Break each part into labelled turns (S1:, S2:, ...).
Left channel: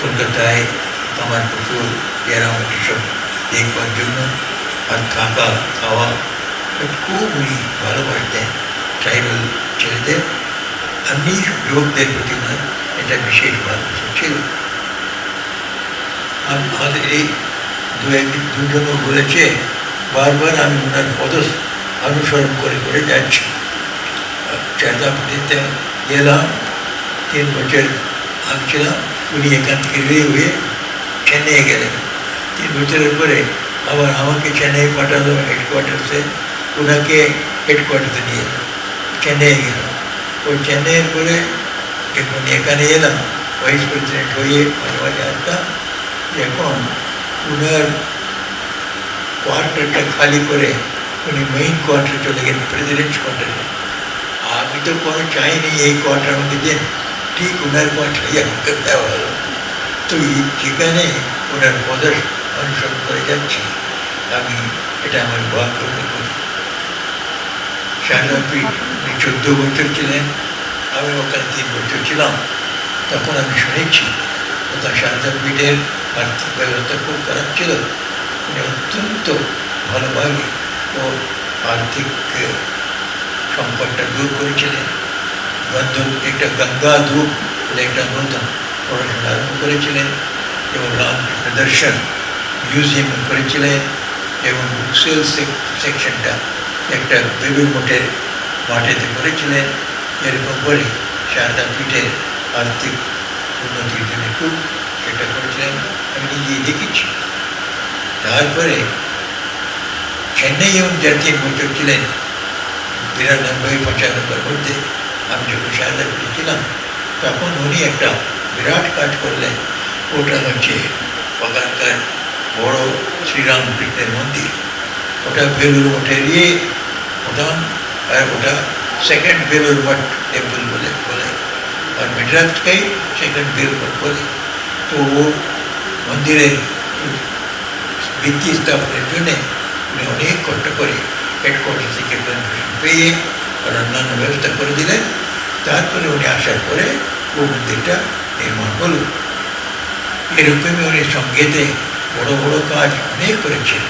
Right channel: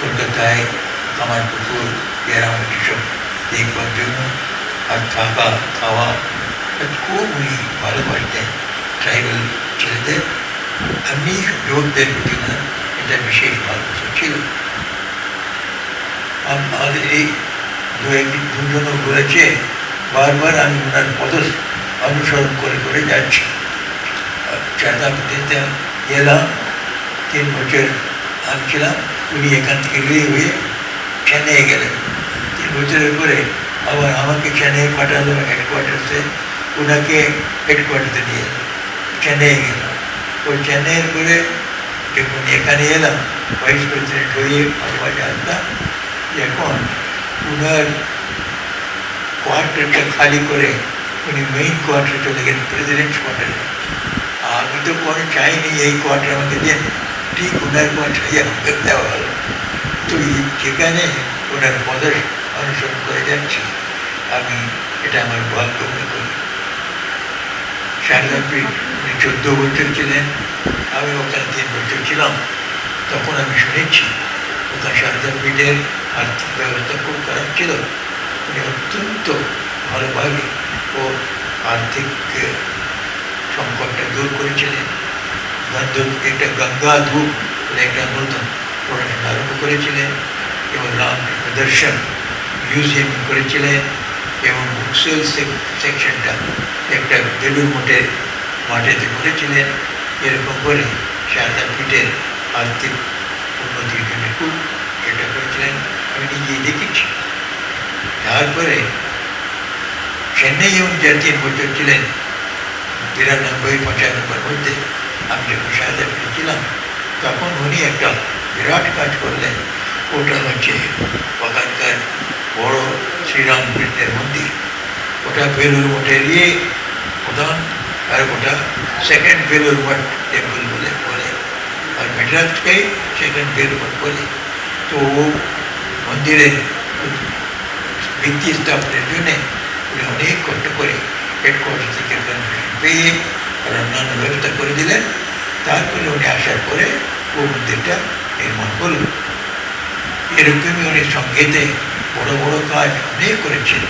S1: কলকাতায় আমার পুকুর এরামটি সব দেখবার জন্য আর থাকা, খাওয়া খুব উনি ভালোবাসতেন। ট্রাইবাল ছেলেদের এমনি যোগদের প্রতি না, এটা বিশেষ ভালোবাসা ছিল। আর আমাদের এই দু একদিন দুজনও বলেছে, বারবার আমি ওনার পদ অনুসরণ করে করে যাচ্ছি। চাঁদাপতিতে এলাম তিন বছর আনছিলাম। উনি এখান থেকে রেডি হয়ে চেন্নাই গেলেন তিন বছরের পরে আবার আমাকে চেন্নাই পাঠালো হেডকোয়ার্টার্সে ওনাকে হেডকোয়ার্টার্সে নিয়ে এলো। চেন্নাই গেলাম ও চেন্নাইয়ের পরে যখন এখানে এলাম ভাইস প্রেসিডেন্ট হয়ে মাঝে আসতাম এখন উনার কোয়ার্টারটা খালি করে উনি মেইন কোয়ার্টারে চলে গেলেন প্রেসিডেন্ট কোয়ার্টারে আমি তো কোনো চাইনি এই কোয়ার্টার আমাকে দেন ওনার কোয়ার্টারে আমাকে দেওয়া হলো তো এই যেখানে ওনার পদর অনুসরণ করে যাচ্ছি আমি এটা আমার ভাগ্য করি শারদাপীঠ উনি চোদ্দ বছর ছিলেন আমি ওখানে তিন বছর ছিলাম তখন আমি শুনেছি তখন শারদাপীঠের আর্থিক ব্যবস্থা খুব খারাপ ছিল উনি অত্যন্ত ভালোভাবে ও আর্থিক সংকটটা দূর করেছিলেন একটা গঙ্গা ধূপ একটা নতুন পড়াশোনা আরম্ভ করেছিলেন এবং রামকৃষ্ণ দর্শন মিউজিয়াম করেছিলেন এবং বুকসেল সেকশনটা একটা বেলুর মঠের মাঠেতে করেছিলেন এরকম করে সারদা পীঠের আর্থিক উন্নতির জন্য খুব এটা করেছিলেন আমি নিজেই দেখেছি তারপরে চেন্নাই এবং জাতীয় বছর ছিলেন বিরানব্বই পঁচানব্বই মধ্যে আমি যখন সারদা পীঠে ছিলাম তখন উনি একটা বিরাট কাজ করলেন ওটা হচ্ছে ওখানকার বড় শ্রীরাম কৃষ্ণের মন্দির ওটা বেলুর মঠে দিয়ে প্রধান আর ওটা সেকেন্ড বেলুর মঠ টেম্পল বলে বলে আর মেডরাজকেই সেকেন্ড বেলুর মঠ বলে তো ও মন্দিরের ভিত্তি স্থাপনের জন্যে উনি অনেক কষ্ট করে হেডকোয়ার্টার থেকে পারমিশন পেয়ে অন্যান্য ব্যবস্থা করে দিলেন। তারপরে উনি আসার পরে ও মন্দিরটা নির্মাণ করলেন এরকমই উনি সঙ্গীতে বড় বড় কাজ অনেক করেছেন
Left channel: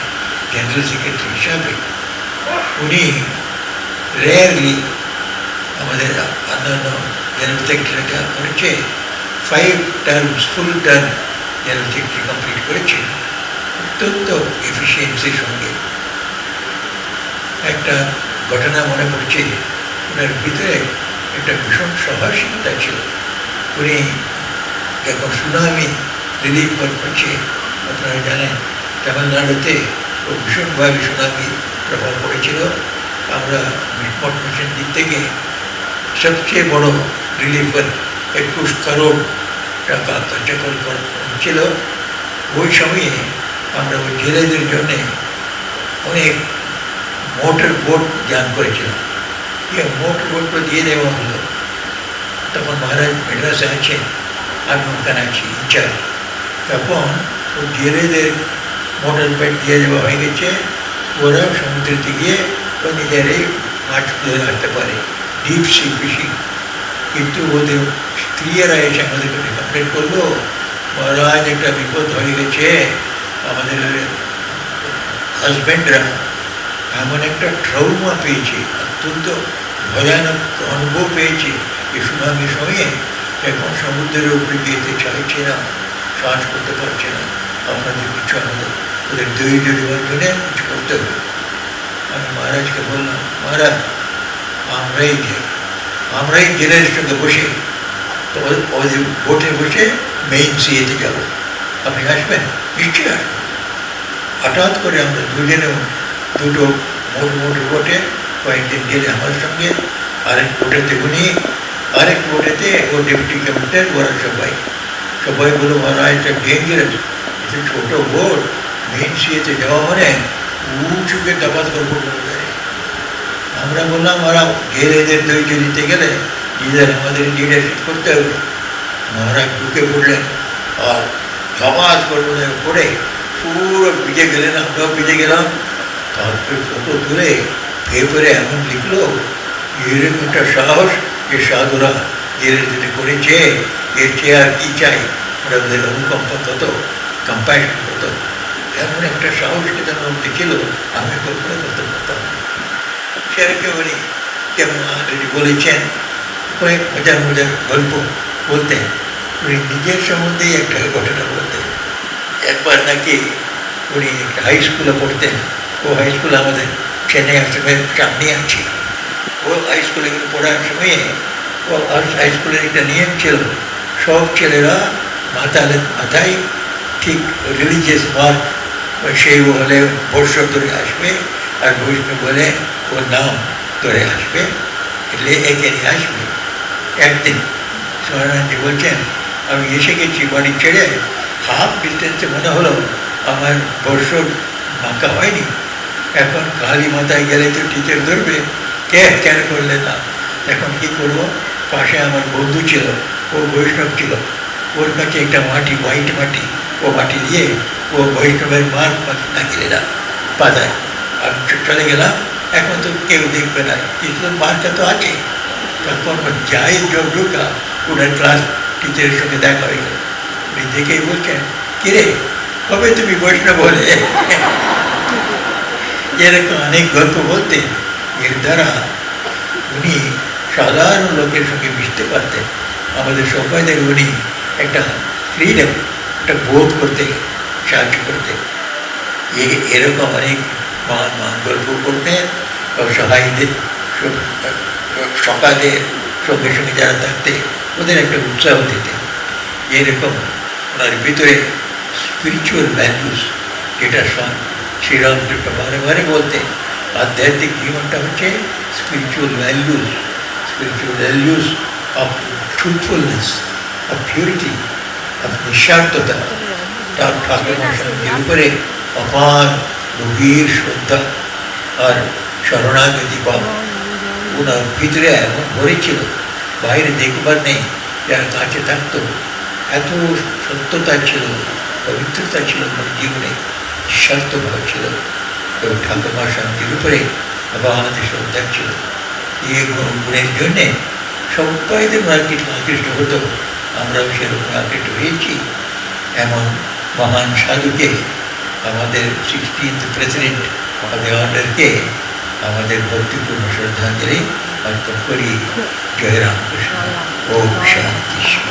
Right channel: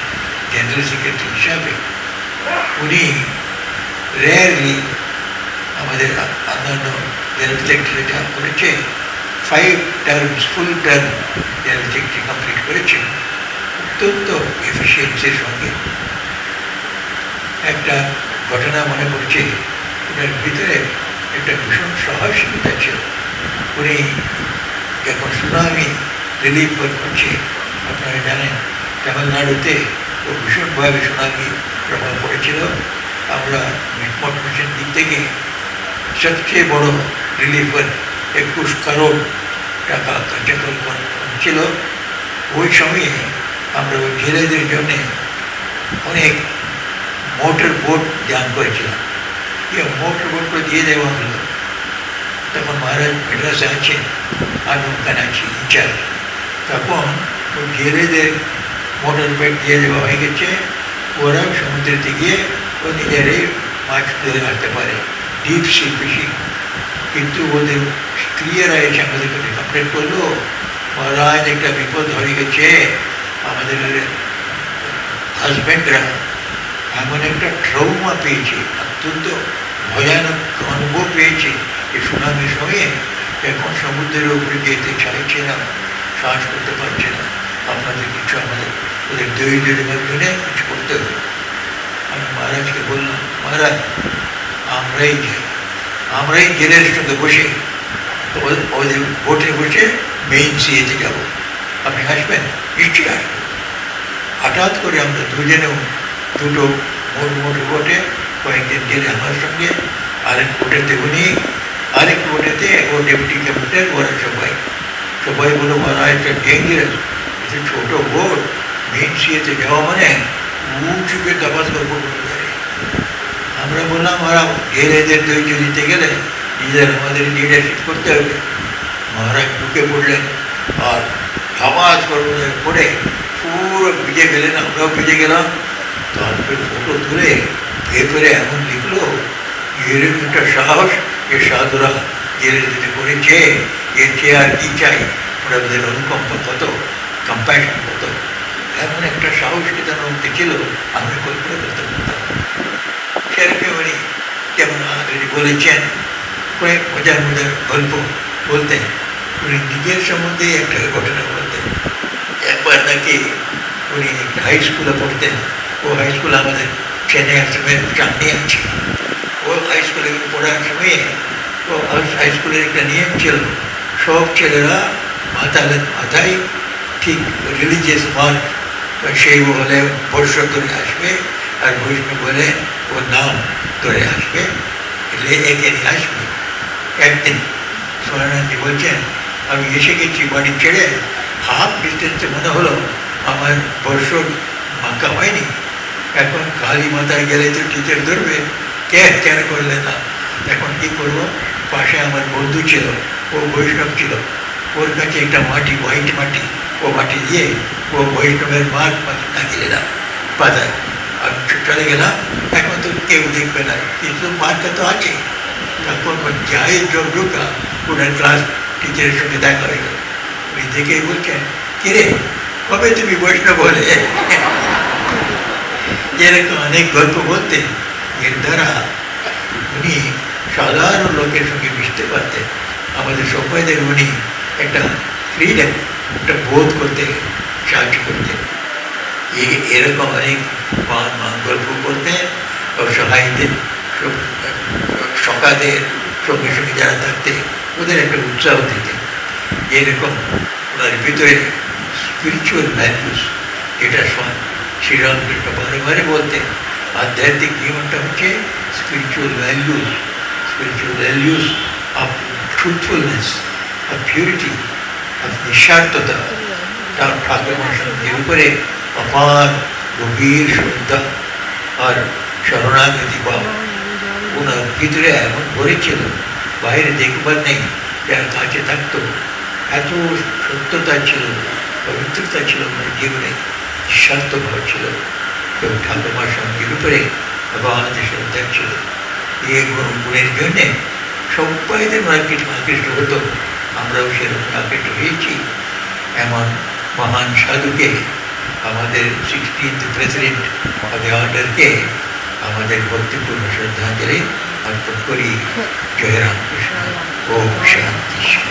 S1: জেনারেল সেক্রেটারি হিসাবে। উনি রেয়ারলি আমাদের অন্যান্য জেনারেল সেক্রেটারি যা করেছে five terms full term general secretary complete করেছে অত্যন্ত এফিসিয়েন্সির সঙ্গে। একটা ঘটনা মনে পড়ছে ওনার ভিতরে একটা ভীষণ সাহসিকতা ছিল। উনি যখন সুনামি রিলিফ করছে, আপনারা জানেন, তামিলনাড়ুতে ও ভীষণভাবে সুনামি প্রভাব পড়েছিল। আমরা মিটমট মিশন দিক থেকে সবচেয়ে বড় রিলিফের একুশ করোড় টাকা কার্যকর ছিল ওই সময়ে আমরা ওই জেলেদের জন্যে অনেক মোটর বোট দান করেছিলাম দিয়ে মোটর বোটগুলো দিয়ে দেওয়া হলো তখন মহারাজ মেড্রাসে আছে আমি ওখানে আছি ইনচার্জ তখন ওই জেলেদের মোটর বোট দিয়ে দেওয়া হয়ে গেছে ওরা সমুদ্রেতে গিয়ে ও নিজেরাই মাছ ধরে আনতে পারে ডিপ সি ফিশিং কিন্তু ওদের স্ত্রীরা এসে আমাদের কাছে কমপ্লেন করল মহারাজ একটা বিপদ হয়ে গেছে আমাদের হাজব্যান্ডরা এমন একটা ট্রৌমা পেয়েছে, অত্যন্ত ভয়ানক অনুভব পেয়েছে। এই সুনামির সঙ্গে এখন সমুদ্রের উপরে যেতে চাইছে না, শ্বাস করতে পারছে না। আপনাদের কিছু আমাদের ওদের ধৈর্য দেওয়ার জন্য কিছু করতে হবে। আমি মহারাজকে বললাম, মহারাজ, আমরাই আমরাই জেলের সঙ্গে বসে ওদের বোটে বসে মেইন সিএতে যাব। আপনি আসবেন? নিশ্চয়ই আসবেন। হঠাৎ করে আমরা দুজনেও দুটো মোট মোট বোটে কয়েকদিন গেলে আমার সঙ্গে, আরেক বোটেতে উনি আরেক বোটেতে ও ডেপুটি ক্যাপ্টেন ওরা সবাই। সবাই বলো ওরা একটা ডেঞ্জারাস ছোটো বোট মেইন সিএতে যাওয়া মানে উঁচুকে দাবাস করব আমরা বললাম, ওরা জেলেদের ধৈর্য দিতে গেলে নিজের আমাদের লিডারশিপ করতে হবে। মহারাজ ঢুকে পড়লেন, আর ধামাজ করবেন পড়ে পুরো ভিজে গেলেন, আমরাও ভিজে গেলাম। তারপরে ফটো তুলে পেপারে এমন লিখলো এরকম একটা সাহস যে সাধুরা, এর যেটা করেছে এর চেয়ে আর কি চাই? ওদের অনুকম্প কত? কম্প্যাশন কত? এমন একটা সাহস কি তার মধ্যে ছিল? আমি কল্পনা করতে পারতাম না। সে একেবারে যেমন অলরেডি বলেছেন কয়েক মজার মজার গল্প বলতেন উনি নিজের সম্বন্ধেই একটা ঘটনা বলতেন। একবার নাকি উনি একটা হাই স্কুলে পড়তেন। ও হাই স্কুল আমাদের চেন্নাই আশ্রমের সামনে আছে। ও হাই স্কুলে পড়ার সময়ে ও হাই স্কুলের একটা নিয়ম ছিল, সব ছেলেরা মাথায় মাথায় ঠিক রিলিজিয়াস মার্ক সেই হলে বর্ষ করে আসবে আর বৈষ্ণব বলে ওর নাম ধরে আসবে, এলে একে নিয়ে আসবে। একদিন সোনারায়ণজি বলছেন, আমি এসে গেছি বাড়ি ছেড়ে, হাফ ডিস্টেন্সে মনে হলো আমার বর্ষ মাকা হয়নি। এখন কালী মাথায় গেলে তো টিচার ধরবে। কে কেন করলে না এখন কি করব? পাশে আমার বন্ধু ছিল, ও বৈষ্ণব ছিল। ওর কাছে একটা মাটি হোয়াইট মাটি, ও মাটি দিয়ে ও বৈষ্ণবের মাঠ লাগিয়ে দিলাম পাতায়। আর চলে গেলাম। এখন তো কেউ দেখবে না। কিন্তু মাঠটা তো আছে। ও যাই যোগ ঢুকা ওনার ক্লাস টিচারের সঙ্গে দেখা হয়ে গেল। দেখেই বলছেন, কিরে, কবে তুমি বৈষ্ণব বলে এরকম অনেক গল্প বলতেন এর দ্বারা উনি সাধারণ লোকের সঙ্গে মিশতে পারতেন। আমাদের সবাইদের উনি একটা ফ্রিডম একটা বোধ করতে সাহায্য করতেন। এরকম অনেক মহান মহান গল্প করতেন অসহায়দের সকালের সঙ্গে সঙ্গে যারা থাকতেন ওদের একটা উৎসাহ দিতেন। এরকম ওনার ভিতরে স্পিরিচুয়াল ভ্যালুস যেটা সব শ্রীরামকৃষ্ণ বারে বারে বলতেন আধ্যাত্মিক জীবনটা হচ্ছে spiritual values spiritual values of truthfulness of purity of নিঃস্বার্থতা তার ঠাকুর মশাইয়ের উপরে অপার গভীর শ্রদ্ধা আর শরণাগতি পাওয়া ওনার ভিতরে এমন ভরেছিল বাইরে দেখবার নেই যারা কাছে থাকতো এত সত্যতা ছিল পবিত্রতা ছিল ওনার জীবনে স্বার্থভাব ছিল তো ঠাকুমার স্বামীর উপরে আমাদের শ্রদ্ধা ছিল। এই গুণ- গুণের জন্যে সবাইদের মার্কেট আকৃষ্ট হতো। আমরাও সেরকম আকৃষ্ট হয়েছি। এমন মহান সাধুকে আমাদের সিক্সটিন্থ প্রেসিডেন্ট অফ দ্য অর্ডারকে আমাদের ভক্তিপূর্ণ শ্রদ্ধাঞ্জলি অর্পণ করি। জয় রামকৃষ্ণ। ওম শান্তি।